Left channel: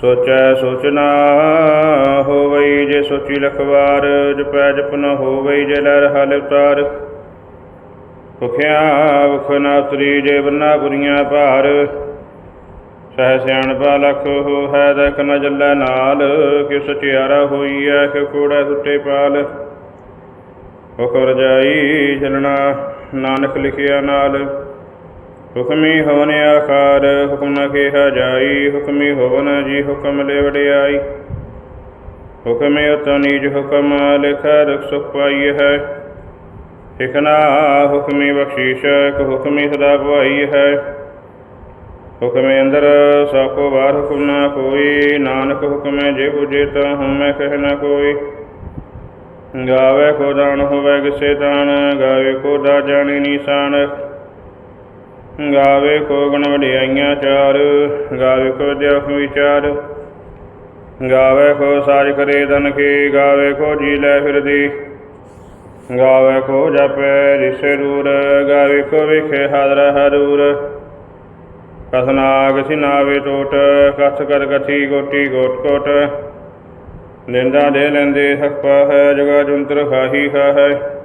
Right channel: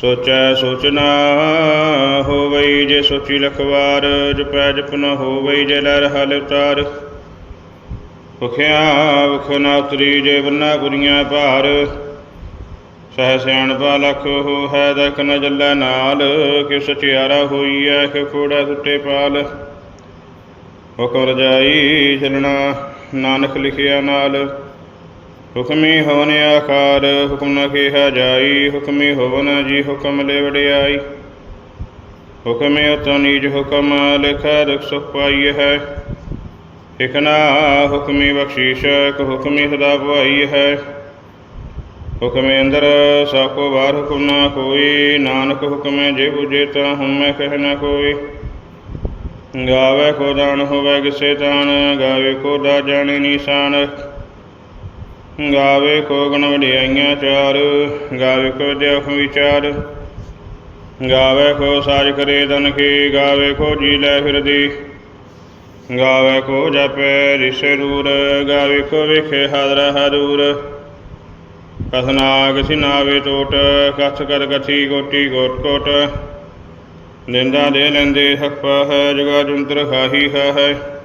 ਸੋਚੈ ਸੋਚਣਾ ਹੋਵਈ ਜੇ ਸੋਚੀ ਲਖਵਾਰ ਜਪੈ ਜਪ ਨ ਹੋਵਈ ਜੇ ਲੈ ਰਹਾ ਉਤਾਰ। ਭੁਖਿਆ ਭੁਖ ਨਾ ਉਤਰੀ ਜੇ ਬੰਨਾ ਗੁਰੀਆਂ ਭਾਰ। ਸਹਿ ਸਿਆਣਪਾ ਲਖ ਹੋ ਹੈ ਦਖ ਨ ਜੱਲੈ ਨਾਲ ਕਿ ਸਚਿਆਰਾ ਹੋਈ ਐ ਕਿ ਕੋੜਾ ਟੁੱਟੇ ਪਾਲ। ਹੁਕਮ ਰਜਾਈ ਚਲਣਾ, ਨਾਨਕ ਲਿਖਿਆ ਨਾਲ। ਹੁਕਮੀ ਹੋਵਨ ਆਕਾਰ, ਹੁਕਮ ਨ ਕਿਹਾ ਜਾਈ, ਹੁਕਮੀ ਹੋਵਨ ਜੀ ਹੁਕਮ ਲੈ ਵਡਿਆਈ। ਹੁਕਮੇ ਅਤਿ ਨੀਜ ਹੁਕਮ ਲਿਖਾ, ਦੁਖ ਸੁਖ ਪਾਈ ਹੈ। ਇਕਨਾ ਹੁਕਮੀ ਬਖਸ਼ੀਸ਼ ਕੁ ਹੁਕਮੀ ਸਦਾ ਭਾਈ ਹੈ। ਹੁਕਮੇ ਅੰਦਰ ਸਾਕੋ ਬਾਹਰ ਹੁਕਮ ਨਾ ਕੋਈ, ਨਾਨਕ ਹੁਕਮੇ ਜੇ ਬੁਝੇ ਤਾਂ ਹਉਮੈ ਕਹਿ ਨਾ ਕੋਈ। ਗਾਵੇ ਕੋ ਦਾਨ ਹੋਵੇ, ਕਿਸੇ ਤਾਨ, ਗਾਵੇ ਕੋ ਦਾ ਜਾਣੀ ਨਿਸ਼ਾਨ ਗਾਵੇ ਕੋ ਗੁਣ ਵਡਿਆਈਆਂ ਚਾਰ, ਗਾਵੇ ਕੋ ਦੇਖ ਵਿਚਾਰ। ਗਾਵੇ ਕੋ ਸਾਜ ਕਰੇ ਤਨ ਕੀ ਗਾਵੇ ਕੋ ਜੀ ਲੈ ਫਿਰਦੀ। ਗਾਵੇ ਕੋ ਜਪੈ ਰਿਸ਼ੇ ਰੂਰ, ਗਾਵੇ ਕੋ ਵਿਖੇ ਹਾਦਰ ਹਰੂਰ। ਕਥਨਾ ਕਛਿ ਨਾਵੇ ਟੋਟ ਕਥ ਕਰ ਕਥੀ ਗੋਟੀ ਗੋਟ ਕੋਟ। ਨਿੰਦਾ ਦੇ ਲੈਂਦੇ ਹੱਕ ਹੈ, ਜਗਾ ਜੰਤਰ ਖਾਹੀ ਹੈ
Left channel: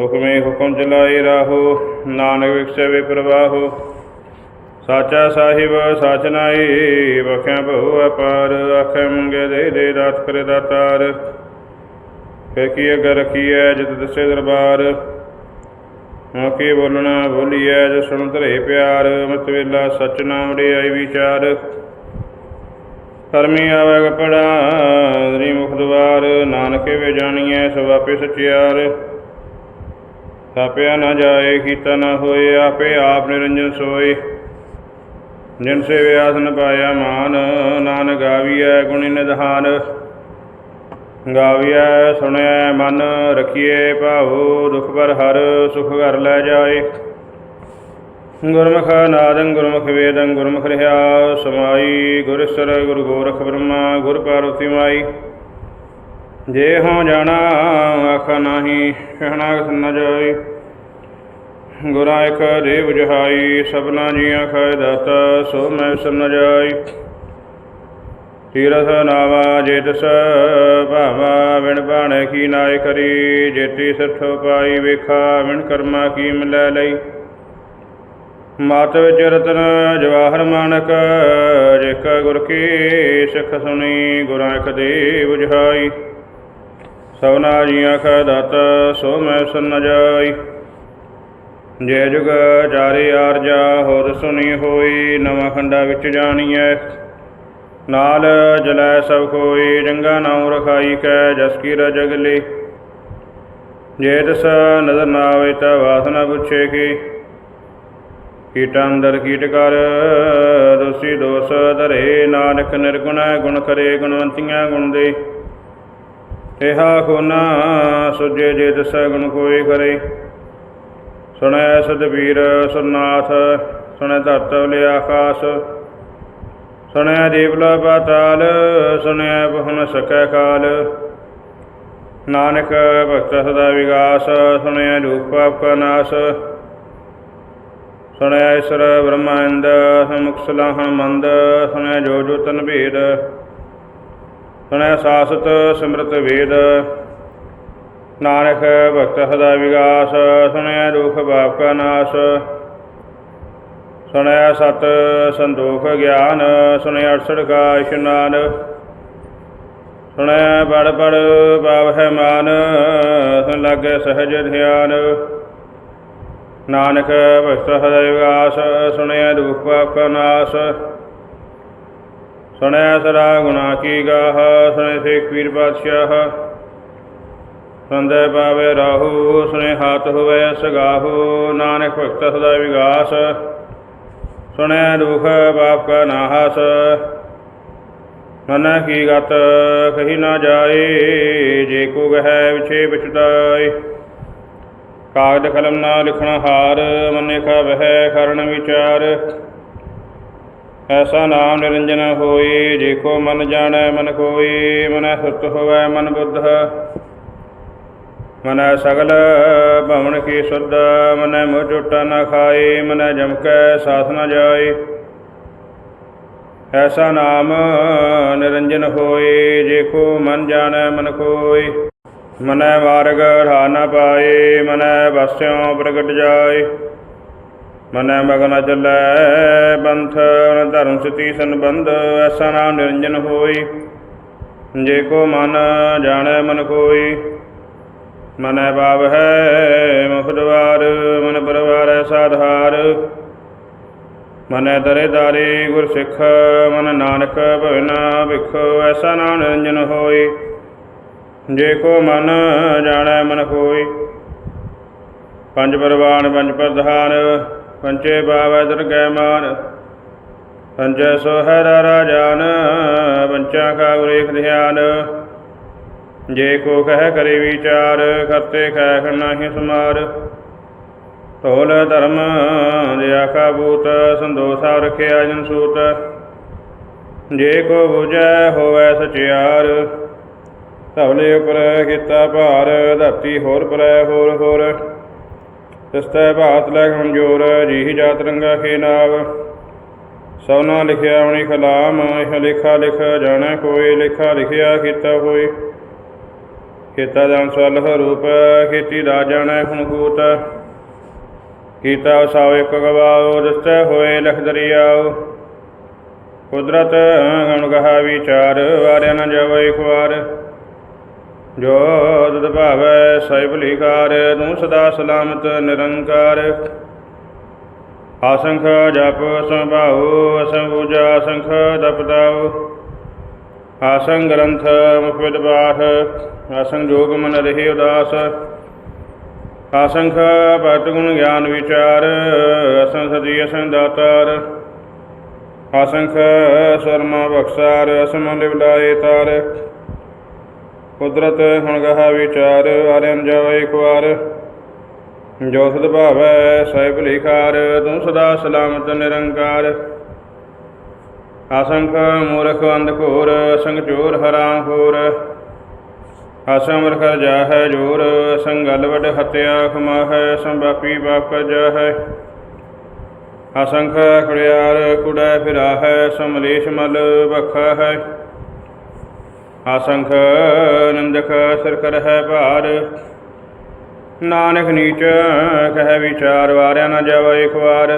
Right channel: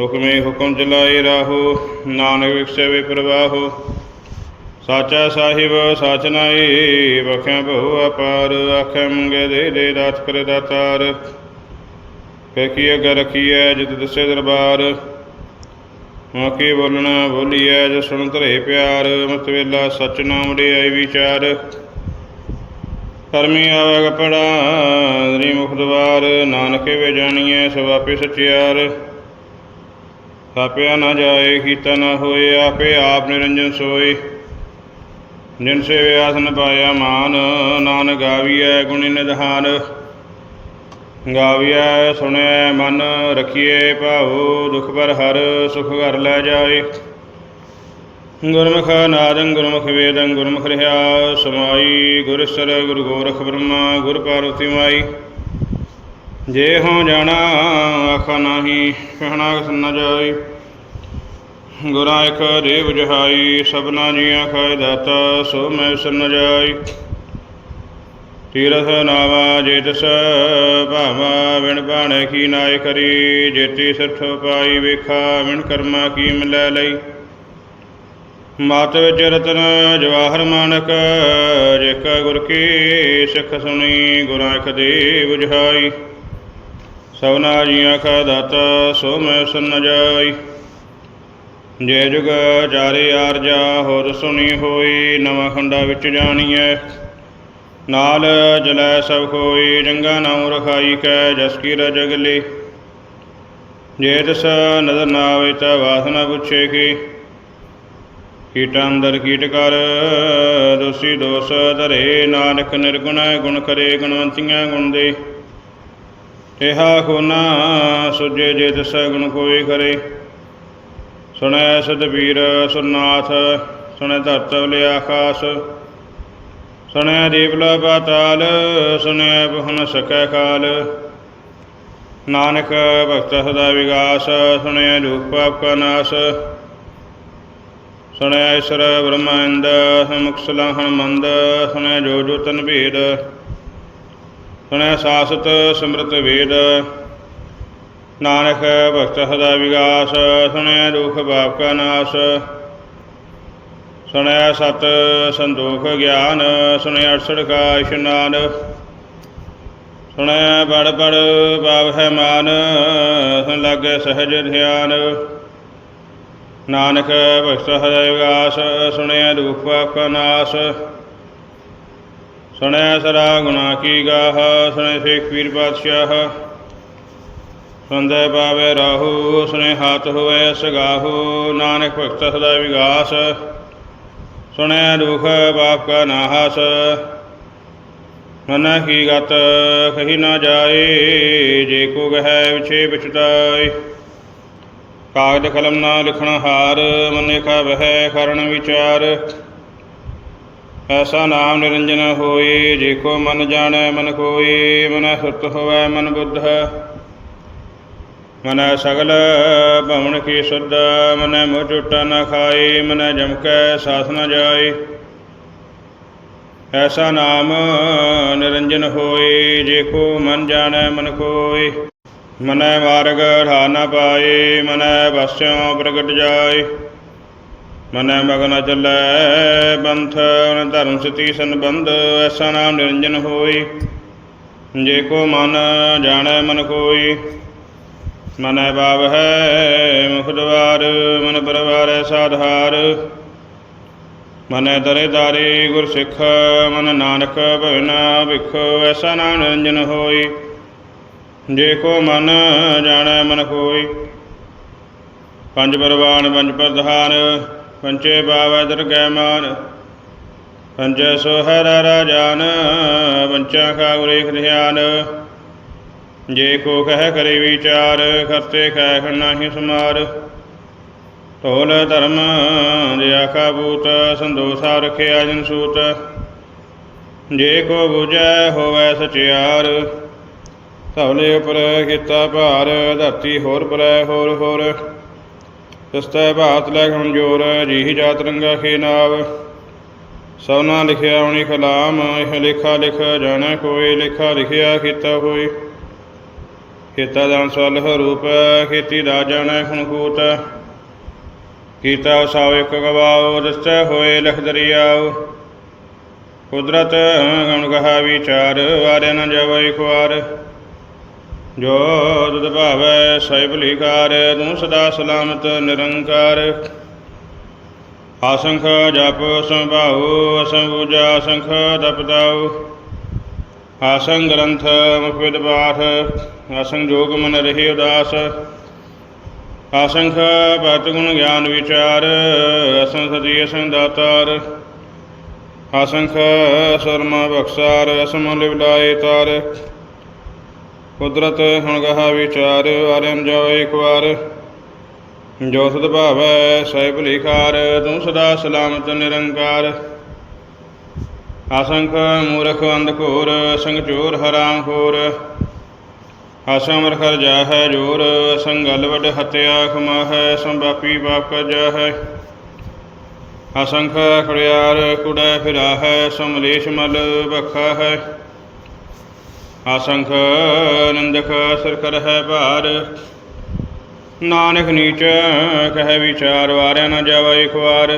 ਹੁਕਮੇ ਹੁਕਮ ਚਲਾਏ ਰਾਹੋ, ਨਾਨਕ ਵਿਖਸੇ ਪ੍ਰਵਾਹੋ। ਸਾਚਾ ਸਾਹਿਬ, ਸਾਚ ਨਾਈ ਬਖਿਆ ਬਹੁ ਅਪਾਰ, ਆਖੇ ਮੰਗੇ ਦੇ ਦੇ ਦਾਤ ਕਰ ਦਾਤਾਰ ਫੇ ਕੀ ਅਗਰ ਰਖੀਐ ਜਿਤ ਦਸੇ ਦਰਬਾਰ? ਮਕੀ ਬੋਲਣਾ, ਬੋਲੀਐ ਜੋ ਸੁਣ ਧਰੇ ਪਿਆਰ ਮਤ ਵੇਲਾ ਸਚ ਨਾਮ ਆਈ ਵਿਚਾਰ। ਕਰਮੀ ਆਵੇ ਕਪੜਾ ਰੀ ਮੁਖ ਦਵਾਰ, ਨਾਨਕੇ ਵੇ ਜਾਣੀਐ ਸਭ ਆਪੇ ਸਚਿਆਰ। ਥਾਪਿਆ ਨਾ ਜਾਏ, ਕੀਤਾ ਨਾ ਹੋਏ, ਆਪੇ ਆਪ ਨਿਰੰਜਨ ਸੋਏ। ਜਿਨ ਸੇਵੇ ਆਸਨ ਪਾਇਆ ਮਾਨ, ਨਾਨਕ ਗਾਵੀਐ ਗੁਣ ਨਿਧਾਨ। ਗਾਵੀਐ, ਸੁਣਿਐ ਮਨ ਰਖੀਏ ਭਾਉ, ਦੁਖ ਪਰ ਹਰ, ਸੁਖ ਘਰ ਲੈ ਜਾਏ। ਗੁਰਮੁਖ ਨਾਦੰ, ਗੁਰਮੁਖ ਵੇਦੰ, ਗੁਰਮੁਖ ਰਹਾ ਸਮਾਈ ਗੁਰਸਰ ਗੁਰ ਗੋਰਖ ਬ੍ਰਹਮਾ, ਗੁਰ ਪਾਰਵਤੀ ਮਾਈ। ਜੇ ਹੋ ਜਾਣਾ ਆਖਾ ਨਾਹੀ, ਕਹਿਣਾ ਕਿਸ ਨ ਜਾਏ। ਗੁਰਾਂ ਇਕ ਦੇਵ ਜਹਾਈ, ਸਭਨਾ ਜੀਆਂ ਖਾਇ ਦਾਤਾ, ਸੋ ਮੈਂ ਵਿਸਰ ਜਾਈ ਤੀਰਥ ਨਾਵਾ ਜੇ ਤਿਸ ਭਾਵਾ ਵਿਣ ਬਾਣੇ ਕੀ ਨਾਇ ਕਰੀ। ਜੇਤੀ ਸਿਰਠ ਪਾਈ ਵੇਖਾ ਵਿਣ ਕਰਮਾ ਕੀ ਮਿਲੈ ਲਈ। ਮਾਤ ਵਿੱਚ ਰਤਨ ਜਵਾਹਰ ਮਾਨਕ ਜੇਕ ਗੁਰ ਕੀ ਸਿੱਖ ਸੁਣੀ, ਗੁਰਾਂ ਇਕ ਦੇ ਬੁਝਾਈ ਸਭਨਾ ਜੀਆਂ ਖਾ ਦਾਤਾ ਸੋ ਮੈਂ ਸੁਨ ਜਾਈ ਜੈ ਜੁਗ ਚਾਰੇ ਆਰਜਾ, ਹੋਰ ਸੁਣੀ ਹੋਈ, ਨਵਾਂ ਖੰਡਾ ਵਿੱਚ ਜਾਣੀਐ। ਨਾਲ ਜਲੈ ਸਭ ਕੋਈ ਜੰਗਾ ਨਾਉ ਰਖਾਈ ਕੈ, ਜਸ ਕੀ ਰਜਗਲੀ ਜੇ ਤਿਸ ਨਦਰ ਨਾ ਆਵੇ ਤਾ ਵਾਸਨਾ ਪੁੱਛੇ ਕੀ। ਕੀਟ ਅੰਦਰ ਕੀਟ ਕਰ, ਦੋਸੀ ਦੋਸ ਧਰੇ, ਨਾਨਕ ਨਿਰਗੁਣ ਗੁਣ ਕਰੇ, ਗੁਣਵੰਤੀਆਂ ਗੁਣ ਦੇ। ਇਹਾ ਖੋਨਾ ਸੁਜੇ ਜੇ ਤਿਸ ਕੋਈ ਕਰੇ ਸੁਣੈ ਸਤਵੀਰ ਸੁਨਾਥ ਸੁਣੈ ਧਰਤ ਵਲੇ ਆਕਾਸ। ਸੁਣਿਆ ਦੇਵਲਾ ਪਾਤਾਲ ਸੁਣਿਆ ਬਹੁ ਸਕੈ ਕਾਲ। ਨਾਨਕ ਭਗਤ ਸਦਾ ਵਿਗਾਸ ਸੁਣਿਆ ਰੂਪ ਪਾਪ ਕਾ ਨਾਸ। ਸੁਣਿਆ ਈਸ਼ਰ ਬ੍ਰਹਮੰਦ ਸਮੁਖ ਸਲਾਹਣ ਮੰਦ ਸੁਣਿਆ ਜੋ ਜੋ ਤਨ ਭੇਦ। ਸੁਣਿਆ ਸਾਸਤ ਸਿਮਰਤ ਵੇਦ। ਨਾਨਕ ਭਗਤ ਸਦਾ ਵਿਗਾਸ ਸੁਣਿਆ ਦੁਖ ਬਾਪ ਕਾ ਨਾਸ। ਸੁਣਿਆ ਸਤ ਸੰਦੋਖ ਗਿਆਨ ਸੁਣਿਆ ਅਰਸੜ ਕਾ ਇਸ਼ਨਾਨ ਸੁਣਿਆ ਬੜ ਬੜ ਪਾਵ ਹੈ ਮਾਨ, ਸੁਣ ਲਾਗੇ ਸਹਜ ਧਿਆਨ। ਨਾਨਕ ਭਗਤ ਹਰਿ ਵਿਗਾਸ ਸੁਣਿਆ ਦੁਖ ਪਾਪ ਕਾ ਨਾਸ। ਸੁਣੈ ਸਰਾ ਗੁਨਾ ਕੀ ਗਾਹ, ਸੁਣੈ ਸੇਖ ਪੀਰ ਬਾਦਸ਼ਾਹ। ਸੁਣਦੇ ਪਾਵੇ ਰਾਹੂ, ਸੁਣੇ ਹੱਥ ਹੋਵੇ ਸਗਾਹੂ ਨਾਨਕ ਭਗਤ ਸਦਾ ਵਿਗਾਸ। ਸੁਣਿਆ ਦੁਖ ਬਾਪ ਕਾ ਨਾਹਸ ਮਨ ਕੀ ਗਤ, ਕਹੀ ਨਾ ਜਾਏ, ਜੇ ਕੋ ਗਹਿ ਵਿਛੇ ਵਿਚਦਾਏ ਕਾਗਦ ਕਲਮ ਨਾ ਲਿਖਣ ਹਾਰ, ਮਨੇ ਕਾ ਵਹਿ ਕਰਨ ਵਿਚਾਰ। ਐਸਾ ਨਾਮ ਨਿਰੰਜਨ ਹੋਏ, ਜੇ ਕੋ ਮਨ ਜਾਣੈ, ਮਨ ਕੋਈ ਮਨ ਸੁਰਤ ਹੋਵੈ, ਮਨ ਬੁੱਧ। ਮਨੈ ਸਗਲ ਭਵਨ ਕੀ ਸੁਧ, ਮਨ ਮੋਹ ਟੁੱਟਾ ਨ ਖਾਏ, ਮਨੈ ਜਮਕੈ ਸਾਥ ਨ ਜਾਏ। ਐਸਾ ਨਾਮ ਨਿਰੰਜਨ ਹੋਏ, ਜੇ ਕੋ ਮਨ ਜਾਣੈ, ਮਨ ਕੋਈ ਮਨੈ ਮਾਰਗ ਢਾ ਨ ਪਾਏ, ਮਨੈ ਵਸਿਓ ਪ੍ਰਗਟ ਜਾਏ। ਮਨੈ ਮਗਨ ਚੱਲੈ ਬੰਥਨ ਧਰਮ ਸਤੀ ਸੰਬੰਧ ਐਸਾ ਨਾਮ ਨਿਰੰਜਨ ਹੋਈ। ਜੇ ਕੋ ਮਨ ਜਾਣੈ ਮਨ ਕੋਈ, ਮਨੈ ਬਾਬ ਹੈ ਮੁਖ ਦਵਾਰ, ਮਨ ਪਰਵਾਰੈ ਸਾਧਾਰ। ਮਨੈ ਦਰੇ ਦਾਰੇ ਗੁਰ ਸਿੱਖ, ਮਨ ਨਾਨਕ ਭਵਨਾ ਵਿਖੋ ਐਸਾ ਨਾਮ ਨਿਰੰਜਨ ਹੋਈ। ਜੇ ਕੋ ਮਨ ਜਾਣੈ ਮਨ ਕੋਈ, ਪੰਜ ਪਰਵਾਨ ਪੰਜ ਪ੍ਰਧਾਨ ਪੰਚੇ ਬਾਵਾ ਦਰਗਹਿ ਮਾਨ ਪੰਜੈ ਸੋ ਰਾਜਾਨ ਪੰਚਾ ਕਾ ਗੁਰੇਖ ਧਿਆਨ। ਜੇ ਕੋ ਕਹਿ ਕਰੇ ਵਿਚਾਰ ਕਰਤੇ ਕਹਿ ਨਾਹੀ ਸਮਾਰ। ਢੋਲ ਧਰਮ ਦਿਆ ਆਖਾ ਬੂਤ, ਸੰਦੋਸਾ ਰਖਿਆ ਜਨ ਸੂਤ। ਜੇ ਕੋ 부ਜੈ ਹੋਵੈ ਸਚਿਆਰ, ਧਵਲੇ ਉਪਰ ਕੀਤਾ ਭਾਰ, ਧਰਤੀ ਹੋਰ ਪਰੈ ਹੋਰ ਹੋਰ। ਤਿਸਤੈ ਭਾਤ ਲੈ ਕਮਜੋਰ ਜੀਹ ਜਾਤ ਰੰਗਾ ਖੇ ਨਾਵ। ਸਭਨਾ ਲਿਖਿਆ ਉਣੀ ਕਲਾਮ ਇਹ ਲੇਖਾ ਲਿਖ, ਜਾਣੈ ਕੋਈ, ਲੇਖਾ ਲਿਖਿਆ ਕੀਤਾ ਹੋਈ ਕੀਤਾ ਦਾਨ ਸਵਲਹ ਰੂਪ, ਖੇਤੀ ਦਾ ਜਾਣੈ ਹੁਣ ਕੂਤ ਕੀਤਾ ਸਾਉ ਇੱਕ ਗਵਾਓ ਦਸਤੈ ਹੋਏ ਲਖ ਦਰਿਆਓ ਕੁਦਰਤ, ਗਣ ਗਹਾ ਵਿਚਾਰ, ਵਾਰਿਆ ਨ ਜਾਵੇ ਇੱਕ ਜੋ ਤੁਧ ਭਾਵੈ ਸਹਿ ਭਲੀਕਾਰ ਤੂੰ ਸਦਾ ਸਲਾਮਤ, ਨਿਰੰਕਾਰ। ਆਸੰਖ ਜਪ, ਸੰਭਾਉ, ਅਸੰਭੂਜਾ ਅਸੰਖ ਤਪਤਾਉ ਆਸੰਗ ਗ੍ਰੰਥ ਮੁਖ ਵਿਦ ਪਾਠ, ਆਸੰਗ ਜੋਗ ਮਨ ਰਹੇ ਉਦਾਸ। ਆਸੰਖ ਭਗਤ ਗੁਣ ਗਿਆਨ ਵਿਚਾਰ, ਅਸੰਖ ਸਦੀ ਅਸੰਖ ਦਾਤਾਰ। ਆਸੰਖ ਸਰਮ ਬਖਸਾਰ ਅਸਮ ਲਿਵਲਾਏ ਤਾਰ। ਕੁਦਰਤ ਹੁਣ ਗਹਾ ਵਿਚਾਰ ਵਾਰਿਨ ਜਾਓ ਇੱਕ ਵਾਰ। ਜੋ ਸਦ ਭਾਵੈ, ਸਹਿਬ ਲਿਖਾਰ, ਤੂੰ ਸਦਾ ਸਲਾਮਤ, ਨਿਰੰਕਾਰ। ਅਸੰਖ ਮੂਰਖ ਅੰਧ ਘੋਰ ਅਸੰਗ ਚੋਰ ਹਰਾਮ ਖੋਰ। ਅਸਮਰ ਖਰ ਜਾਹੈ ਜੋਰ ਅਸੰਗਲ ਵਡ ਹਤਿਆ ਖਮਾਹੈ ਸੰਬਾਪੀ ਬਾਪ ਕਰ ਜਾਹੈ। ਅਸੰਖ ਖੜਿਆਰ, ਕੁੜੈ ਫਿਰਾਹੈ ਸਮਲੇਸ਼ ਮਲ ਬਖਾ ਹੈ ਅਸੰਖ ਨੰਦਕ ਸਰ ਕਰ ਹੈ ਭਾਰ। ਨਾਨਕ ਨੀਚ ਕਹਿ ਵਿਚਾਰ, ਵਾਰਿਆ ਨਾ ਜਾਵੇ ਇੱਕ ਵਾਰ।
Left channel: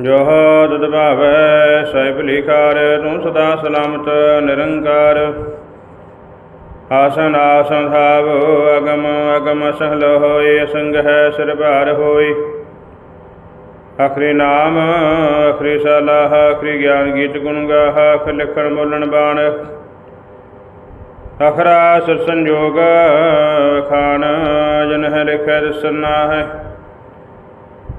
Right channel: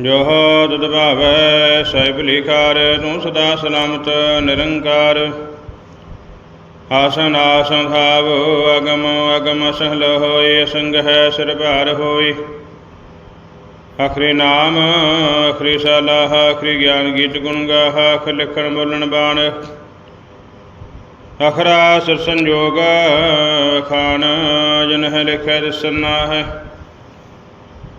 ਜੋ ਤੁਧ ਭਾਵੈ ਸਹਿਬ ਲਿਖਾਰ, ਤੂੰ ਸਦਾ ਸਲਾਮਤ ਨਿਰੰਕਾਰ। ਆਸਨ ਆਸਨ ਭਾਵ, ਅਗਮ ਅਗਮ ਸਹਲ ਹੋਏ, ਅਸੰਗ ਹੈ ਸਿਰ ਭਾਰ ਹੋਈ ਅਖਰੀ ਨਾਮ ਅਖਰੀ ਸਲਾਹ, ਆਖਰੀ ਗਿਆਨ, ਗੀਤ ਗੁਣ ਗਾਹ ਅਖ ਲਿਖਣ ਬੋਲਣ ਬਾਣ। ਅਖਰਾ ਸਿਰ ਸੰਜੋਗ, ਖਾਨ ਜਨ ਲਿਖੈ ਦਸਨਾ ਹੈ।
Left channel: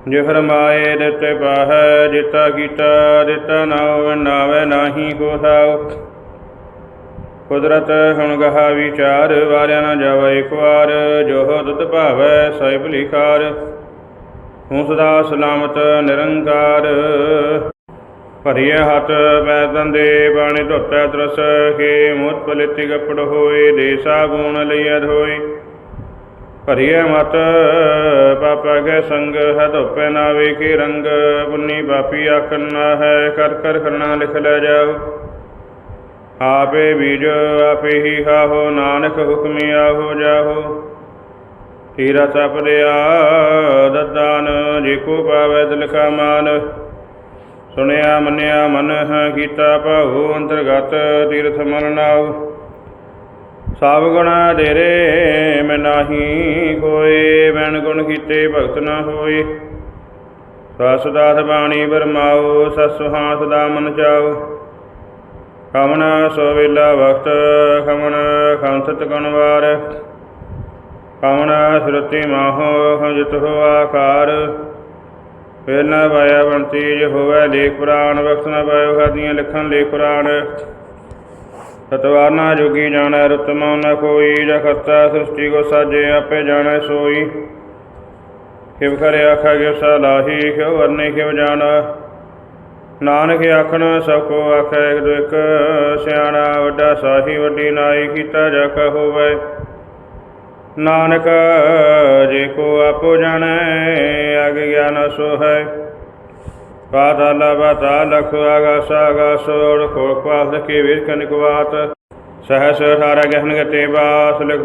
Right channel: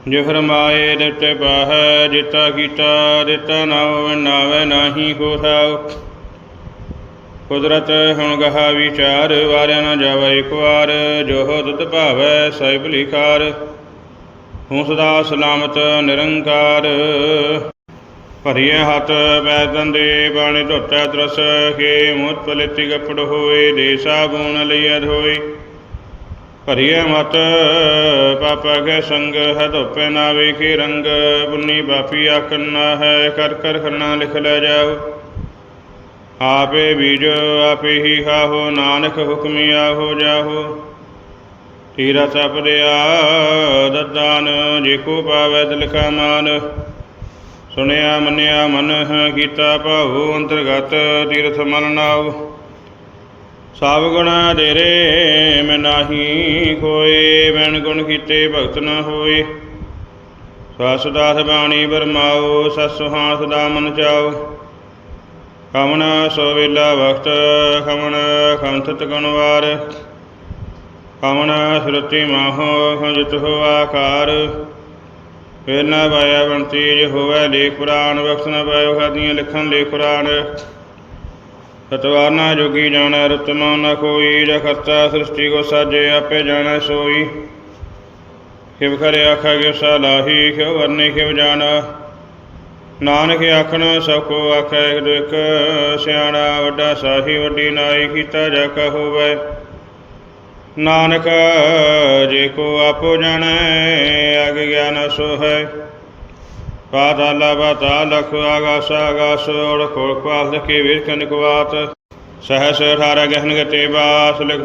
ਜੇ ਫਰਮਾਏ ਦਿੱਤੇ ਪਾਹੈ ਜਿਤਾ ਕੀਤਾ, ਦਿੱਤਾ ਨਾਉ, ਨਾਵੇ ਨਾਹੀ ਕੋ ਥਾਉ। ਕੁਦਰਤ ਹੁਣ ਗਹਾ ਵਿਚਾਰ, ਵਾਰਿਆ ਨਾ ਜਾਵੇ ਇੱਕ ਵਾਰ, ਜੋ ਤੁਤ ਭਾਵੈ ਸਹਿਬ ਲਿਖਾਰ। ਹੂੰ ਸਦਾ ਸਲਾਮਤ, ਨਿਰੰਕਾਰ। ਭਰੀਏ ਹੱਥ ਪੈ ਦੰਦੇ ਬਾਣੇ ਧੋਤੈ ਤਰਸ ਕੇ ਮੂਤ ਪਲਿਤੀ ਕਪੜ ਹੋਏ, ਦੇ ਸਾਬੂਨ ਲਈਐ ਧੋਈ ਭਰੀਏ ਮਤ, ਪਾਪ ਕੇ ਸੰਗ ਹੈ ਧੋਪੇ ਨਾ ਵੇਖੀ ਰੰਗ ਪੁੰਨੀ ਪਾਪੀ ਆਖਨ ਹੈ, ਕਰ ਕਰ ਕਰਨਾ ਲਿਖ ਲੈ ਜਾਓ। ਆਪੇ ਬੀਜ, ਆਪੇ ਹੀ ਖਾਹੋ, ਨਾਨਕ ਹੁਕਮੀ ਆਹੋ ਜਾਹੋ। ਤੀਰਾ ਸਪਦਿਆ ਦਦਾਨ ਜੇ ਕੋ ਪਾਵੈ ਦਿਲ ਕਾ ਮਾਨ। ਸੁਣਿਆ, ਮੰਨਿਆ ਮਨ ਕੀਤਾ ਭਾਉ, ਅੰਤਰਗਤ ਤੀਰਥ ਮਨ ਨਾਉ। ਸਭ ਗੁਣ ਤੇਰੇ ਮੈਂ ਨਾਹੀ ਕੋਏ ਮੈਨ ਗੁਣ ਕੀਤੇ ਭਗਤ ਨਾ ਹੋਏ। ਸਸ ਦਾਸ ਬਾਣੀ ਬਰਮਾਓ ਸਸ ਸੁਹਾਣ ਸਦਾ ਮਨ ਚਾਓ ਕਮਨ ਸੋ ਵੇਲਾ ਵਕਤ ਖਮਨ ਖੰਥਤ ਗੁਣਵਾਰ ਕਮਨ ਸੁਰਤੀ ਮਾਹੋ ਹੰਜਤ ਹੋ ਆਕਾਰ। ਫਿਰ ਨਾ ਪਾਇਆ ਬੰਤੀ ਜੇ ਹੋਵੇ ਲੇਖ ਪੁਰਾਣ ਬਖਸ਼ ਨਾ ਪਾਇਓ ਖਾਦੀਆਂ ਲਿਖਣ ਲੇਖ ਪੁਰਾਣ। ਸਤਵਾਰਨਾ ਜੋਗੀ ਜਾਣੈ ਰਤਮਉ ਨ ਕੋਈ ਜਾ ਕਰਤਾ ਸ੍ਰਿਸ਼ਟੀ ਕੋ ਸਾਜੇ, ਆਪੇ ਜਾਣੈ ਸੋਈ। ਖਿਵ ਕਰੇ ਆਖਾ ਗਿਵ ਸਲਾਹੀ ਕਿਵ ਵਰਨੇ, ਖਿਵ ਜਾਣਾ। ਨਾਨਕ ਆਖਣ, ਸਭ ਕੋ ਆਖੈ, ਇੱਕ ਸਿਆਣਾ, ਵੱਡਾ ਸਾਹੀ, ਵੱਡੀ ਨਾਈ, ਕੀਤਾ ਜਾ ਕਾ ਹੋਵੇ। ਨਾਨਕ, ਜੇ ਕੋ ਆਪੋ ਜਾਣੈ, ਅਗ ਗਿਆਨ ਸੋ ਹੈ ਪਾਤਾਲਾ ਪਾਤਾਲਖ ਆਗਾਸ ਆਗਾਸ ਔੜ ਖੋੜ ਪਾਸ ਕੇ ਵੀਰ ਕਨਕਵਾਤ ਸਹਸ 18 ਗਹਿਨ ਗਤੇ ਬਾਸ, ਲਿਖ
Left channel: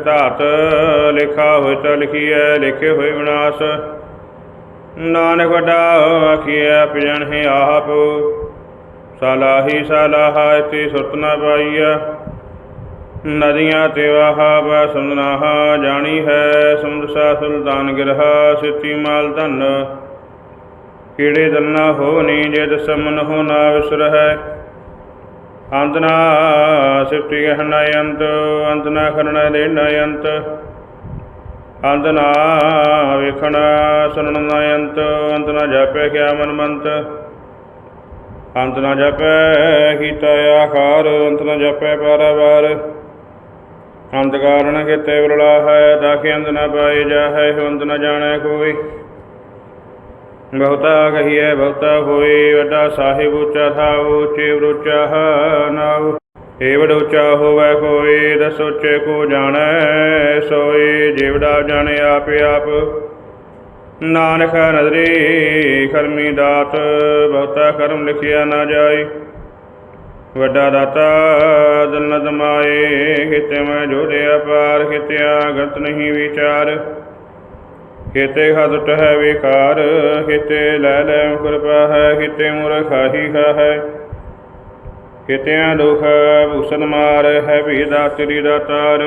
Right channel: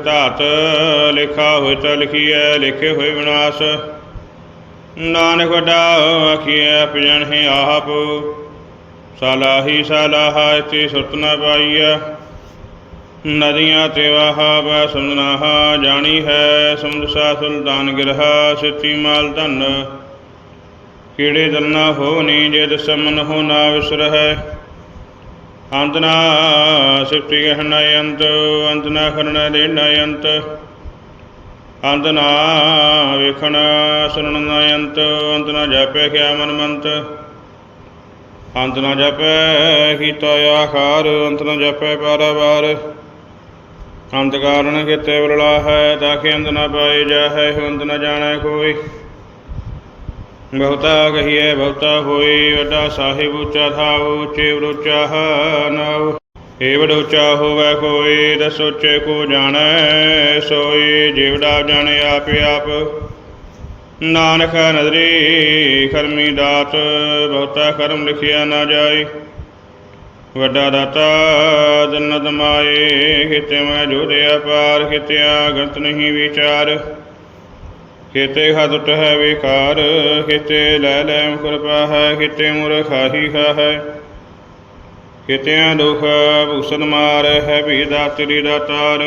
ਲਿਖਾ ਹੋਇ ਤ ਲਿਖੀਐ, ਲਿਖੇ ਹੋਏ ਵਿਨਾਸ਼। ਨਾਨਕ ਵੱਡਾ ਆਖੀਐ ਪਿਜਣ ਹੈ ਆਪ। ਸਲਾਹੀ ਸਲਾਹਾ ਤੇ ਸੁਰਤ ਨ ਪਾਈਐ। ਨਦੀਆਂ ਤੇ ਵਾਹਾ ਬਾ ਸੁਨਨਾਹਾ ਜਾਣੀ ਹੈ ਸਮੁੰਦ ਸੁਲਤਾਨ ਗਿਰਹਾ ਸਿੱਤੀ ਮਾਲ ਧਨ। ਕੀੜੇ ਦੰਨਾ ਹੋ ਨੀ ਜੇ ਦਸਮਨ ਹੋ ਨਾ ਵਿਸਰ ਹੈ ਅੰਤ ਨਾ ਸਿਫਤੀ ਗਹਨ ਅੰਤ ਅੰਤ ਨਾ ਖਰਨ ਦੇਣ ਅੰਤ। ਅੰਤ ਨਾ ਵੇਖਣ ਸੁਣਨ ਨਾ ਅੰਤ ਅੰਤ ਨਾ ਜਾਪਿਆ ਕਿਆ ਮਨ ਮੰਤ। ਅੰਤ ਨਾ ਜਾਪੈ ਕੀਤਾ ਆਖਾਰ, ਅੰਤ ਨਾ ਜਾਪੈ ਪਾਰਾਵਾਰ ਅੰਤ ਕਾਰਨ ਕਿਤੇ ਵਰਲਾ ਹੈ ਤਾਂ ਕਿ ਅੰਤ ਨਾ ਪਾਏ ਜਾ ਅੰਤ ਨਾ ਜਾਣੈ ਕੋਈ। ਬਹੁਤਾ ਕਹੀਏ ਬਹੁਤਾ ਹੋਏ, ਵੱਡਾ ਸਾਹਿਬ ਉੱਚਾ ਥਾਉ, ਉੱਚੇ ਉੱਚਾ ਨਾਉ। ਏਵੜ ਉੱਚਾ ਹੋਵੇ ਕੋਈ ਦਸੋਚੇ ਕੋ ਜਾਣੈ ਸੋਈ ਜਿਵੜਾ ਜਾਣੇ ਆਪ ਆਪ। ਨਾਨਕ ਨਦਰੀ, ਕਰਮੀ ਦਾਤ, ਬਹੁਤਾ ਕਰਮ ਲਿਖਿਆ ਨਾ ਜਾਏ। ਵੱਡਾ ਦਾਤਾ, ਜਨਤ ਮਾਏ ਕਿਤੇ ਮੈਂ ਜੋੜਿਆ ਪਾਰ ਕਿਤਿਆ ਗੰਤ ਨਹੀਂ ਵਿਚਾਰ। ਕਿਤੇ ਹਦਟ ਹੈ ਵਿਕਾਰ ਕਿਤੇ ਲੈ ਲੈ ਕਿਰਪਾ ਹੈ ਕਿਤੇ ਮੁਰਖਾਹੀ ਹੈ ਕਿਤੇ ਦੁਖ ਭੂਸਨ ਮਾਰ ਹੈ ਵੀ ਦਾਤਰੀ ਦਾਤਾਰ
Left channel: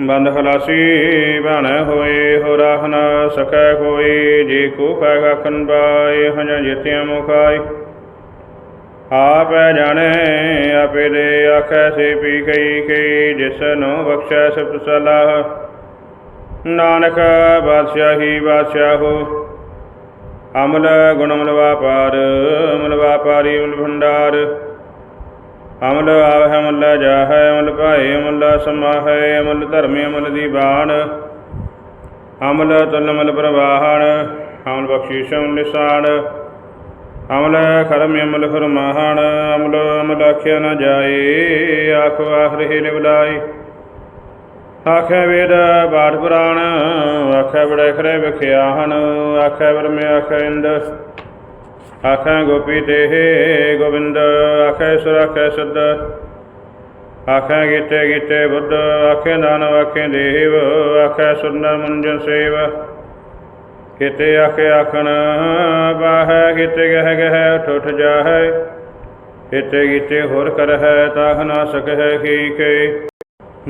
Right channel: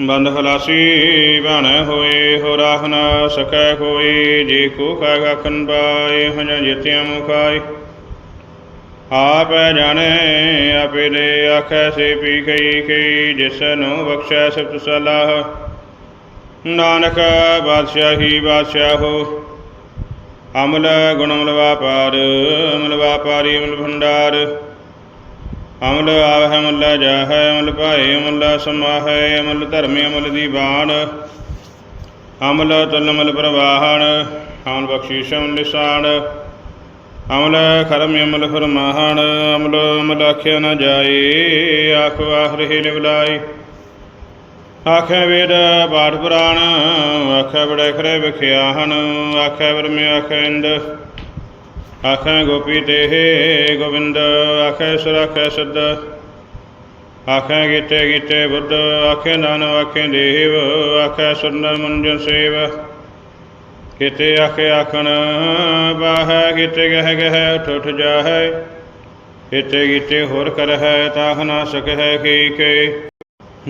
ਬੰਦ ਖਲਾਸੀ ਬਣ ਹੋਏ, ਹੋ ਰਾਹ ਨਾ ਸਕੈ ਕੋਈ, ਜੇ ਕੋ ਕਾ ਗਖਨ ਬਾਏ ਹਨ ਜਿਤਿ ਮੁਖਾਈ ਆਪੈ ਜਾਣੇ ਆਪੇ ਦੇ ਆਖੈ ਸੇ ਪੀ ਕਈ ਕਈ, ਜਿਸ ਨੂੰ ਬਖਸ਼ੈ ਸਤ ਸਲਾਹ। ਨਾਨਕ ਬਾਦਸ਼ਾਹੀ ਬਾਦਸ਼ਾਹੋ, ਅਮਲ ਗੁਣ ਗੁਣਮਲ ਵਾਪਾਰ ਅਮਲ ਵਾਪਾਰੀ ਅਮਲ ਭੰਡਾਰ। ਅਮਲ ਆਵਹਿ ਅਮਲ ਜਾਹੈ ਅਮਲ ਭਾਏ ਅਮਲ ਸਮਾਹੈ ਅਮਲ ਧਰਮੇ ਅਮਲ ਦੀਵਾਨ ਅਮਲ ਤਲਮਲ ਪ੍ਰਵਾਹਣ, ਅਮਲ ਬਖਸ਼ੀਸ਼ੰ ਨਿਸ਼ਾਨ। ਅਮਲ ਖਰਮ ਅਮਲ ਫਰਮਾਹਣ ਅਮਲ ਅਮਲ ਆਖਿਆ ਨ ਜਾਏ, ਆਖ ਆਖਰੇ ਲਿਵਲਾਈ ਆਖੇ ਵੇਦ ਬਾਠ ਪੁਰਾਣ, ਆਖੇ ਬੜੇ ਖਰੇ ਵਿਖਿਆ ਹਨ ਆਖੇ ਬਰਮੇ ਆਖੇ ਇੰਦ। ਆਖੇ ਗੋਪੀ ਤੇ ਗੋਬਿੰਦ, ਆਖੇ ਸੁਰ, ਆਖੇ ਸੁਧ ਆਖੇ ਗੀਤੇ ਗੀਤੇ ਬੁੱਧ, ਆਖੇ ਨਾਨਕ, ਆਖੇ ਦੇਵ, ਆਖੇ ਸੁਰਨ ਮੰਜਨ ਸੇਵ। ਕਿਤੇ ਆਖੇ ਆਖਣ, ਬਾਹੈ ਕਿਤੇ ਗਹਿ ਗਹਿ ਉਠ ਉਠ ਜਾਹੈ। ਕਿਤੇ ਗੀਤੇ ਹੋਰ ਕਰ ਹੈ ਨਾ ਸਕੈ ਕੀ ਕੇ।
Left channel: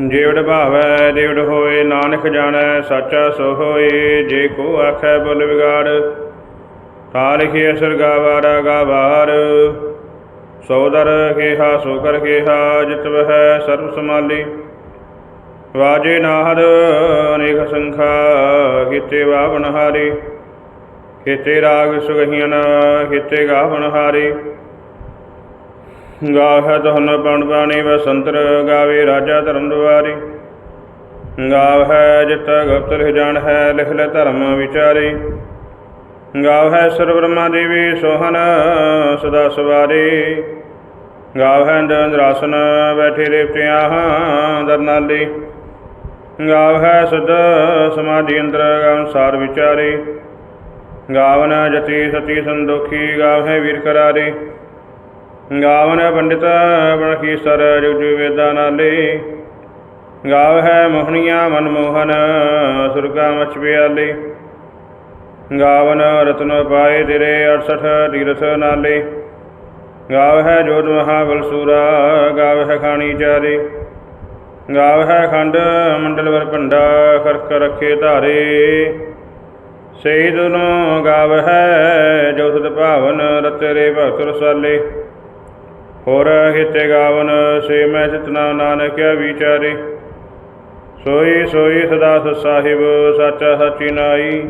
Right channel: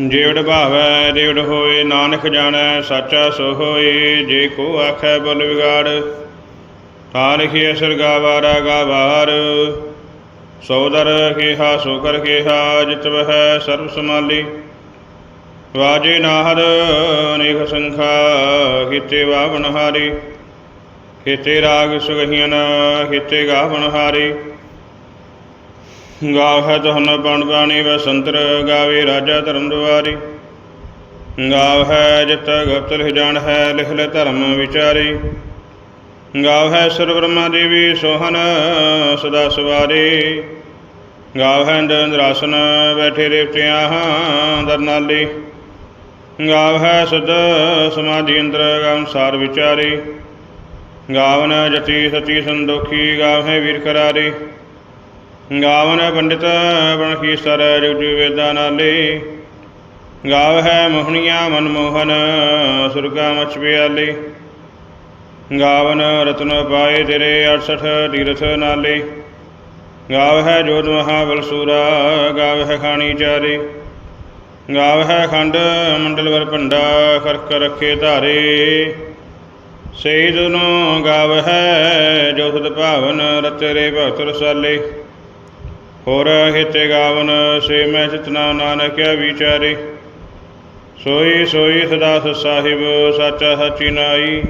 ਜੇਵੜ ਭਾਵੈ ਦੇਵੜ ਹੋਏ, ਨਾਨਕ ਜਾਣੈ, ਸਾਚਾ ਸੋ ਹੋਏ, ਜੇ ਕੋ ਆਖੈ ਬੁਲ ਵਿਗਾੜ, ਤਾਂ ਲਿਖਿਆ ਸਰਗਾ ਵਾਰਾ ਗਾਵਾਰ। ਸੋਦਰ ਕੇਹਾ, ਸੋ ਕਰ ਕੇਹਾ, ਜਿਤ ਵਹਿ ਸਰਬ ਸਮਾਲੀ ਵਾਜੇ ਨਾਹਰ, ਅਨੇਕ ਸੰਖਾ ਕੀਤੇ ਵਾਵਨ ਹਾਰੀ। ਕੀਤੇ ਰਾਗ ਸੁਗਹੀਨ ਕੀਤੇ ਗਾਵਨ ਹਾਰੀ। ਗਾਵੈ ਤਹਨ ਪਉਣ ਪਾਣੀ ਵਸੰਤਰ ਗਾਵੇ ਰਾਜਾ ਧਰਮ ਦੁਆਰੀ। ਹੈ ਜਿਤਾ ਗੁਪਤ ਲਿਖ ਜਾਣ ਹੈ, ਲਿਖ ਲੈ ਧਰਮ ਵਿਚਾਰੀ। ਹੈ ਸੁਰ ਬ੍ਰਹਮਾ ਦੇਵੀ ਸੋਹਨ ਸਦਾ ਸਵਾਰੀ। ਗਾਵੈ ਇੰਦਰਾਸਨ ਬੈਠੇ ਰੇਵਤਿਆਂ, ਦਰਨਾਲੀ। ਗਾਵੈ ਸੁਧ ਸਮਾਧੀ ਅੰਦਰ ਅਨੁਸਾਰ ਵਿਚਾਰੀ। ਗਾਵਨ ਜਤੀ ਸਤੀ ਸੰਦੋਖੀ, ਗਾਵੈ ਵੀਰ ਕਰਾਰੀ। ਗਾਵਨ ਪੰਡਿਤ ਬਣਖੀ ਸਰ, ਜੁਗ ਵੇਦਾਂ ਨਾਲੇ। ਗਾਵ ਹੈ ਮੋਹਣੀਆਂ ਮਨਮੋਹਨ ਸੁਰਗਾ ਮਚ ਪਿਆਲੇ। ਗਾਵਨ ਰਤਨ ਪਾਏ ਤੇਰੇ 68 ਤੀਰਥ ਨਾਲੇ। ਗਾਵ ਹੈ ਜੋਤ ਮਹਾਬਲ ਸੂਰਾ, ਗਾਵ ਹੈ ਖਾਣੀ ਚਾਰੇ। ਗਾਵ ਹੈ ਖੰਡ ਮੰਡਲ ਵਰ ਭੰਡਾ ਕਰਕ ਰੱਖੇ ਧਾਰੇ। ਸਹੀ ਦੁਨੋ ਗਾਵ ਹੈ ਜੋ ਸੁਧ ਭਾਵਨ ਰਤਰੇ ਭਗਤ ਰਸਾਲੇ ਹੋਰ ਹਿਤੇ ਗਾਵਨ, ਸੇ ਮੈਂ ਚਿਤਨਾ ਨਾਨਕਿਆ ਵਿਚਾਰੇ। ਸੋਈ ਸੋਈ ਸਦਾ ਸਾਹਿਬ, ਸਾਚਾ ਸਚੀ ਨਾਈ।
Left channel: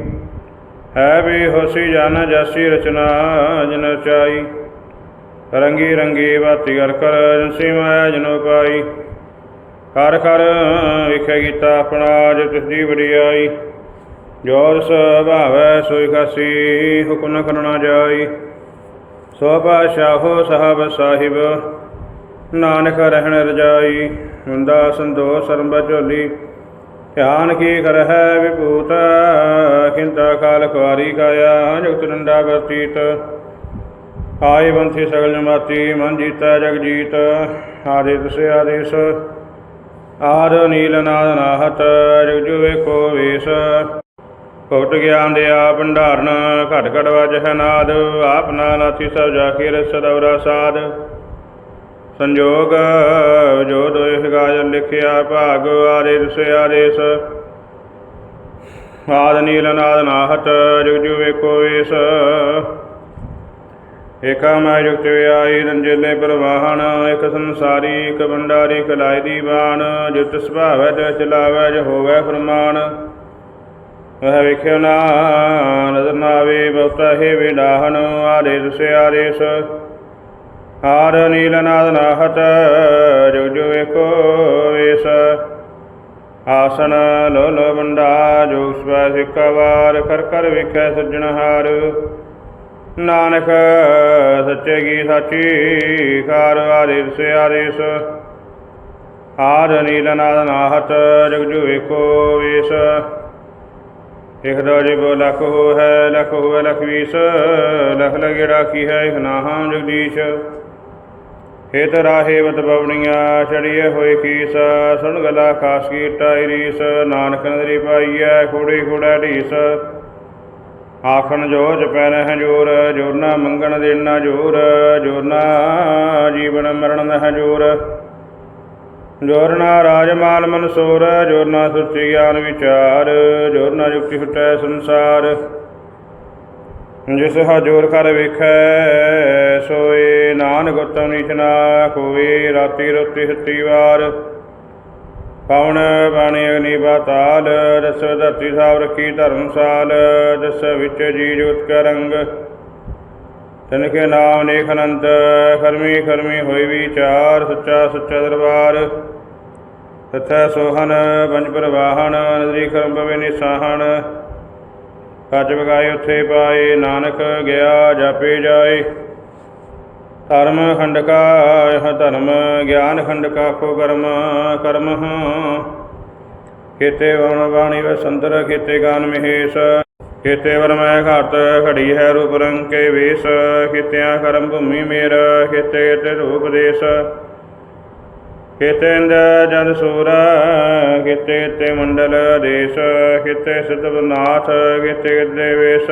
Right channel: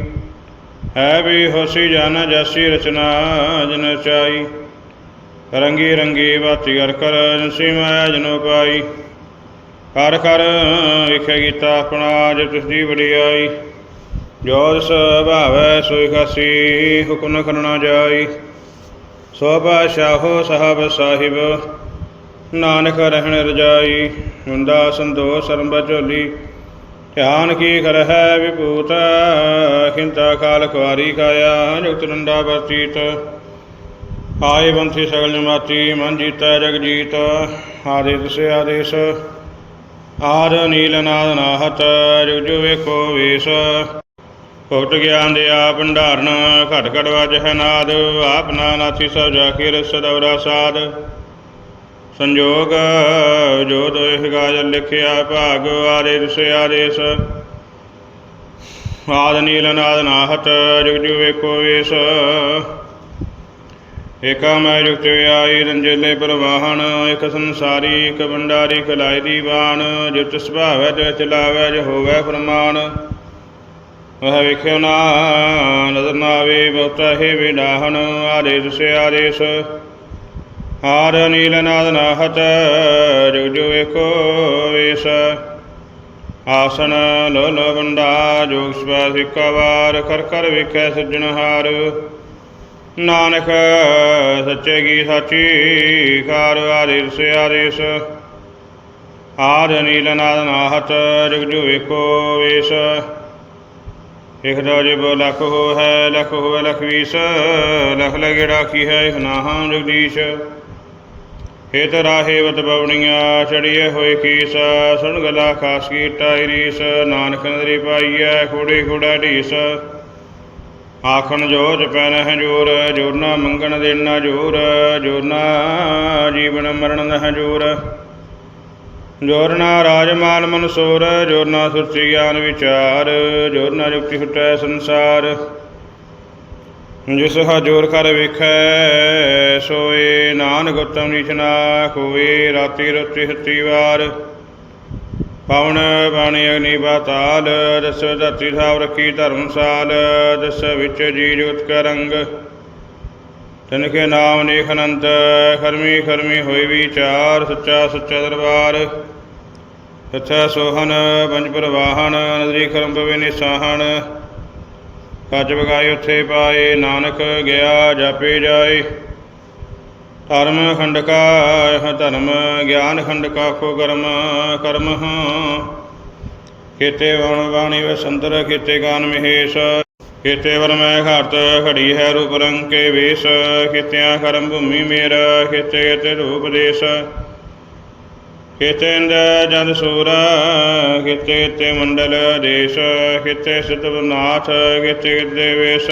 ਹੈ ਵੀ ਹੋਸੀ ਜਨ, ਜਸੀ ਰਚਨਾ ਜਨ ਚਾਈ। ਰੰਗੀ ਰੰਗੀ ਬਾਤੀ ਕਰ ਕਰ ਜਿਨਸੀ ਮਾਇਆ ਜਨੋ ਪਾਈ। ਕਰ ਕਰ ਵਿਖੇ ਕੀਤਾ ਆਪਣਾ ਜੋ ਤਿਸ ਦੀ ਵਡਿਆਈ। ਜੋ ਤਿਸ ਸੋਈ ਖਾਸੀ, ਹੁਕਮ ਕਰਨਾ ਜਾਈ। ਸੋਭਾ ਪਾਸ਼ਾਹੋ ਸਾਹਿਬ ਸਾਹਿਬ, ਨਾਨਕ ਰਹਿਣ ਰਜਾਈ। ਹੁੰਦਾ ਸੰਤੋਖ ਸਰਮ ਝੋਲੀ। ਧਿਆਨ ਕੀ ਕਰ ਹੈ ਵਿਭੂਤ ਖਿੰਤਾ ਕਾਲ ਕੁਆਰੀ ਕਾਇਆ, ਜਗਤ ਰੰਡਾ ਵਰਤੀਤ ਆਏ ਬੰਥੀ ਸਗਲ ਜਮਾਤੀ ਮਨ ਜੀਤਾ ਜਗ ਜੀਤ ਆਦਿਤ ਆਦੇਸ਼ ਆਦ ਨੀਲਨਾਦ ਨਾਹਤ, ਜੁਗ ਜੁਗ ਵੇਖੋ ਵੇਸ। ਭਗਤ ਗਿਆਨ ਦੇ ਆ ਭੰਡਾਰਨ, ਘਟ ਘਟ ਵਜ ਹੈ ਨਾਦ। ਆਪ ਨਾਥੀ ਸਭ ਜਾ ਕੇ ਰਸ ਦਵਰਾ ਸਾਧ ਸੰਜੋਗ, ਜੋ ਦੋਇ ਗਾਜ ਲਿਖਿਆ ਭਾਗ ਆਦੇਸ ਸੇ ਆਦੇਸ਼। ਆਦ ਨੀਲਨਾਦ ਨਾਹਤ, ਜੁਗ ਜੁਗ ਵੇਖੋ ਵੇਸ। ਏਕਾ ਮੈਂ ਜੁਗਤ ਆਈ ਰੰਜੇਲੇ ਪ੍ਰਵਾਹਣ, ਇਕ ਸੰਸਾਰੀ, ਇਕ ਬੰਡਾਰੀ ਕਲਾਈ ਦੀ ਬਾਣ ਜਿਤ ਸੁਭਾਵੈ, ਜੋ ਚਲਾਵੈ, ਜੋ ਹੋਵੈ ਫਰਮਾਨ। ਵਹ ਵੇਖਿਓ ਨਾ ਨਜ਼ਰ ਨਾ ਆਵੇ, ਬਹੁਤਾ ਹੈ ਵਿਡਾਹਨ, ਆਦੇਸ ਆਦੇਸ। ਹਾਰ ਨੀਲ ਨਾਦ ਨਾਹਤ ਜੁਗ ਜੁਗ ਵੇਖੋ ਵੇਸ। ਆਸਨ ਲੋ ਲੋ ਬੰਡਾ ਜੋਗ ਸਵੈ ਸਿੱਕਾ ਵਾਰ ਕਰ ਕਰ ਵੇਖੈ ਸੱਜਣਹਾਰ ਨਾਨਕ, ਸੱਚੇ ਕੀ ਸਾਚੀ ਕਾਰ ਆਦੇਸ ਆਦੇਸ ਆਦ ਨੀਲ ਨਾਦ ਨਾਹਤ, ਜਗ ਜੁ ਵੇਖੋ ਵੇਸ। ਇਕ ਦੋ ਜਿਬ ਲਖ ਹੋ ਹੈ ਲਖ ਹੋ ਲਖ ਵੀਸ। ਲਖ ਲਗੇ ਰਾਖੀ ਹੈ ਇਕ ਨਾਹਾਂ ਜਗਦੀਸ਼। ਹੇਤ ਰਾਹੇ ਬਤ ਬਵਣੀਆਂ ਚੜੀਏ ਹੋਏ ਕੀਸ। ਸੁਣ ਗਲਾ ਖਾਸ ਕੀ ਰੀਸ ਨਾਨਕ ਨਦਰੀ ਪਾਈਐ, ਖੂੜੀ ਖੂੜਾ ਢੀਸ। ਆਖਣ ਜੋਜ ਪੈਨ ਜੋਰ ਜੋਰ ਨਾ ਮੰਗਣ ਦੇਣਾ ਜੋਰ ਜੋਰ ਨਾ ਜੀਵਨ ਮਰਨ ਨਹਿ ਜੋਰ। ਜੋਰ ਨਾ ਰਾਜ ਮਾਲ ਮਨਸੂਰ ਜੋਰ ਨਾ ਸੁਰਤੀ ਗਿਆਨ ਵਿਚਾਰ ਜੋਰ ਨਾ ਜੁਗਤੀ ਫਟੈ ਸੰਸਾਰ। ਜਿਸ ਹਜੂਰ ਕਰ ਵੇਖੈ, ਸੋਏ ਨਾਨਕ ਉਤਮ ਨੀਚ ਨਾ ਕੋਈ ਰਾਤੀ ਰੋਤੀ ਹੱਤੀ ਵਾਰ। ਪਵਨ ਬਾਣੀ ਅਗਨੀ ਬਾਤਾਲ ਦਸ ਧਰਤੀ ਸਾਬ ਰੱਖੀ ਧਰਮਸਾਲ, ਦਸ ਵਿੱਚ ਜੀ ਜੋਤ ਕਾ ਰੰਗ ਤਨ ਕੇ ਨਾਮ ਨੇਖ ਅਨੰਤ, ਖਰਮੀ ਖਰਮੀ ਹੋਈ ਵਿਚਾਰ, ਸੱਚਾ ਸੱਚਾ ਦਰਬਾਰ। ਸੱਚਾ ਸੋਹਨ ਪੰਜ ਪ੍ਰਵਾਹਣ ਨਦਰੀ ਕਰਮ ਪਵੇ ਨਿਸਾਹਣ। ਕੱਜ ਬਗਾਏ ਉੱਥੇ ਪਾਏ, ਨਾਨਕ ਗਿਆ, ਜਾਪੇ ਜਾਏ। ਧਰਮ ਖੰਡਕਾ, ਇਹ ਧਰਮ ਗਿਆਨ ਖੰਡ ਕਾ ਕੋ ਕਰਮ ਕਰਮ ਕੀਤੇ ਵਣ ਬਾਣੀ ਵਸੰਦਰ ਕੀਤੇ ਗਾਨ ਮਹੇਸ਼। ਕੀਤੇ ਵਰ ਘਾਟ ਖੜੀ ਹੈ ਰੂਪ ਰੰਗ ਕੇ ਵੇਸ। ਕੀਤਿਆਂ ਕਰਮ ਭੂਮੀ ਮੇਰ ਕੀਤੇ ਤੇ ਰੂਪ ਦੇਸ। ਕੀਤੇ ਇੰਦ ਜਨ ਸੂਰ ਕੀਤੇ ਤੇ ਮੰਡਲ ਦੇਸ਼। ਕੀਤੇ ਸਿਧਵਨਾਥ ਕੀਤੇ ਦੇਵੇਸ਼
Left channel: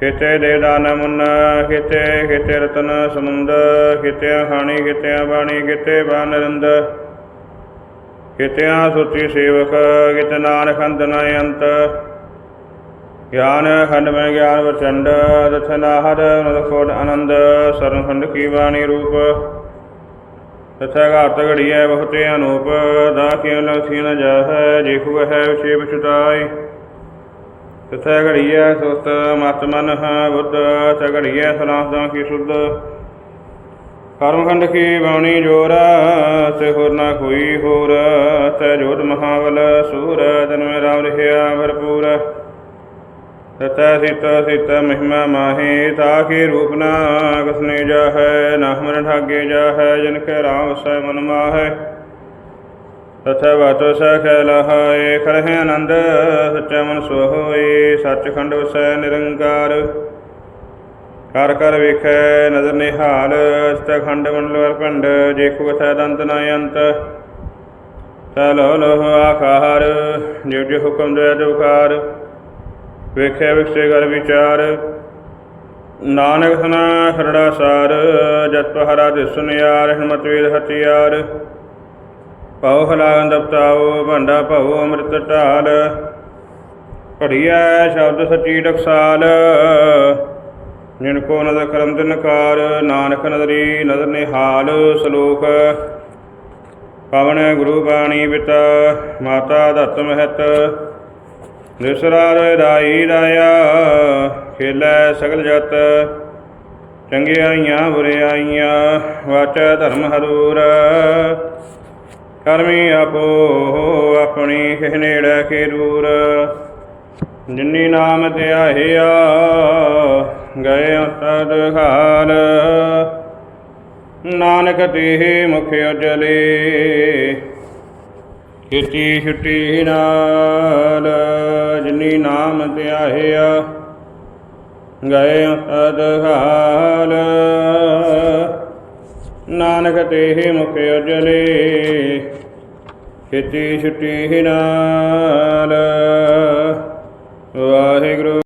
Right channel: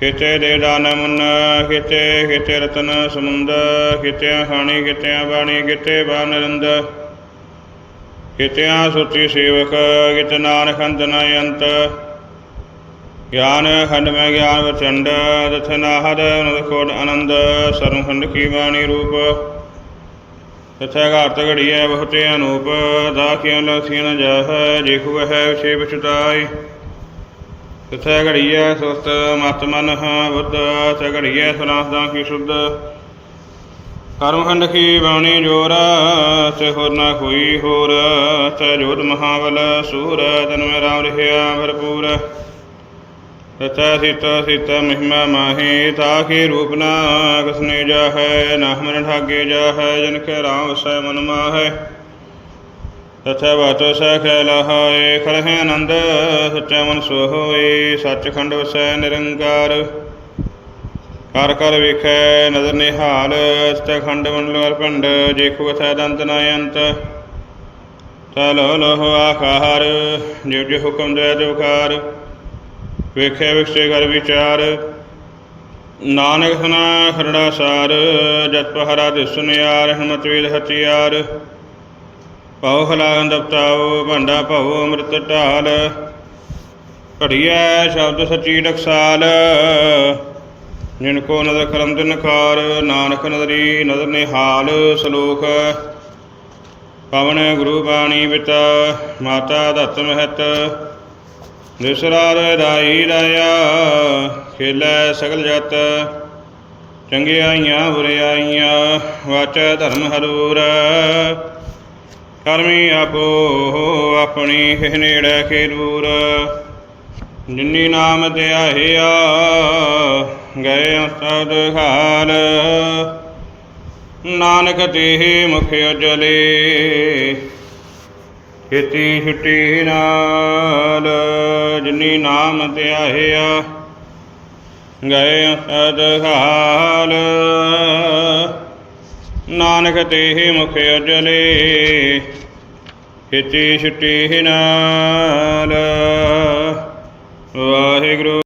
ਕਿਤੇ ਦੇ ਦਾਨ ਮੁੰਨ ਕਿਤੇ ਰਤਨ ਸਮੁੰਦ ਕਿਤੇ ਹਾਣੀ ਕਿਤੇ ਬਾਣੀ ਕਿਤੇ ਬਾਨਰਿੰਦ ਕਿਤੇ ਸੁਚੀ ਸੇਵਕ ਕਿਤੇ ਨਾਨਕ ਅੰਤ ਨ ਅੰਤ। ਗਿਆਨ ਖੰਡ ਮੈਂ ਗਿਆਨ ਵਚੰਡ ਦਥਨਾ ਹਰ ਨਦਖੋੜ ਆਨੰਦ ਸਰਮ ਖੰਡ ਕੀ ਬਾਣੀ ਰੂਪ। ਤਥਾ ਘਾਤ ਘੜੀਐ ਬਹੁਤੇ ਅਨੂਪ ਦਾਖਿਓ ਲਖੀ ਨ ਜਾਹੈ ਜਿਖੁ ਹੈ ਵਿਸ਼ੇ ਵਿਚਤਾਈ ਤਿਥੈ ਘੜੀਐ ਸੁਸਤ ਮਤ ਮਨ ਹਾ ਬੁੱਧ ਤ ਸਨਾਸਦਾਂ ਕੀ ਸੁਧ। ਕਰਮਖੰਡ ਕੀ ਬਾਣੀ ਜੋਰਾ ਤੇ ਹੋਰ ਨਾ ਕੋਈ ਹੋਰ ਤੈ ਜੋਤ ਮਹਾਬਲ ਸੂਰ ਤਨ ਰਾਮ ਰਹਿਆ ਭਰਪੂਰ। ਤਥੈ ਸੀਤਾ ਸੀਤਾ ਮਹਿਮਾ ਮਾਹੀ ਤਾਕੇ ਰੂਪ ਨਾ ਕਸਨੇ ਜਾ ਹੈ ਨਾ ਮਨ ਠਾਗੇ ਜਾਹੈ, ਜਨ ਕੇ ਰਾਮ ਵਸੈ ਮਨ ਮਾਹੈ। ਤਥੈ ਬਾਤੋ ਸਖੈ ਲਹਾਏ ਖਲਹਿ ਆਨੰਦ, ਸੱਚਾ ਮਨ ਸੋ ਹੋਏ, ਸੱਚਖੰਡ ਵਸੈ ਨਿਰੰਕਾਰ। ਕਰ ਕਰ ਵੇਖੈ ਨਦਰ ਨਿਹਾਲ, ਸਤਖੰਡ ਮੰਡਲ ਪਿੰਡ ਜੇਖੂ ਅਥੈ ਦੰਤ ਨ ਅੰਤ। ਤੈ ਲੋ ਲੋ ਆਖਾਰ, ਜਿਉ ਜਿਉ ਹੁਕਮ ਦੇ ਅਦੁਕਾਰ ਵੇਖਿਆ ਵਿਖਸੇ ਕਰ ਵਿਚਾਰ, ਨਾਨਕ ਸੁਨਾ ਖਰੜਾ ਸਾਰ, ਜਤ ਪਹਰਾ ਦਿਸੁਨਿਆਰ ਹਿਮਤ ਵੇਦ ਹਥਿਆਰ। ਭਉ ਹਲਾਨ ਦਪਤਾਉ, ਭਾਂਡਾ ਭਉ, ਅੰਮ੍ਰਿਤ ਢਾਲ। ਘੜੀਐ ਸ਼ਬਦ ਸੱਚੀ ਟਕਸਾਲ ਜਿਨ ਕੋ ਨਦਰ ਕਰਮ ਦਿਨਕਾਰ ਨਾਨਕ ਨਦਰੀ ਨਦਰ ਨਿਹਾਲ ਸਲੋਕ। ਪਵਨ ਗੁਰੂ ਬਾਣੀ ਪਿਤਾ ਮਾਤਾ ਦਤ ਮਹਤ। ਨਿਸਰਾਰ ਰਾਈ ਰਾਇਆ ਖੇਲੇ ਸਗਲ ਜਤ। ਚੰਗਿਆਈਆਂ ਬੁਰਿਆਈਆਂ, ਵਾਚੈ ਧਰਮ ਹਰੂਰ। ਕਰਮੀ ਆਪੋ ਆਪਣੀ ਹਿ ਨੇੜੇ ਕੇ ਜਿਨੀ ਨਾਮ ਧਿਆਇਆ, ਗਏ ਸਦ ਹਾਲ। ਨਾਨਕ ਤੇ ਮੁਖ ਉਜਲੇ ਕੀਤੀ ਛੁੱਟੀ ਨਾਲ। ਜਿਨੀ ਨਾਮ ਧਿਆਇਆ, ਗਏ ਸਦ ਹਾਲ। ਨਾਨਕ ਤੇਹ ਮੁਖ ਅਜਲੇ ਖੇਤੀ ਛੁਟੀ ਨਾਲ। ਵਾਹਿਗੁਰੂ।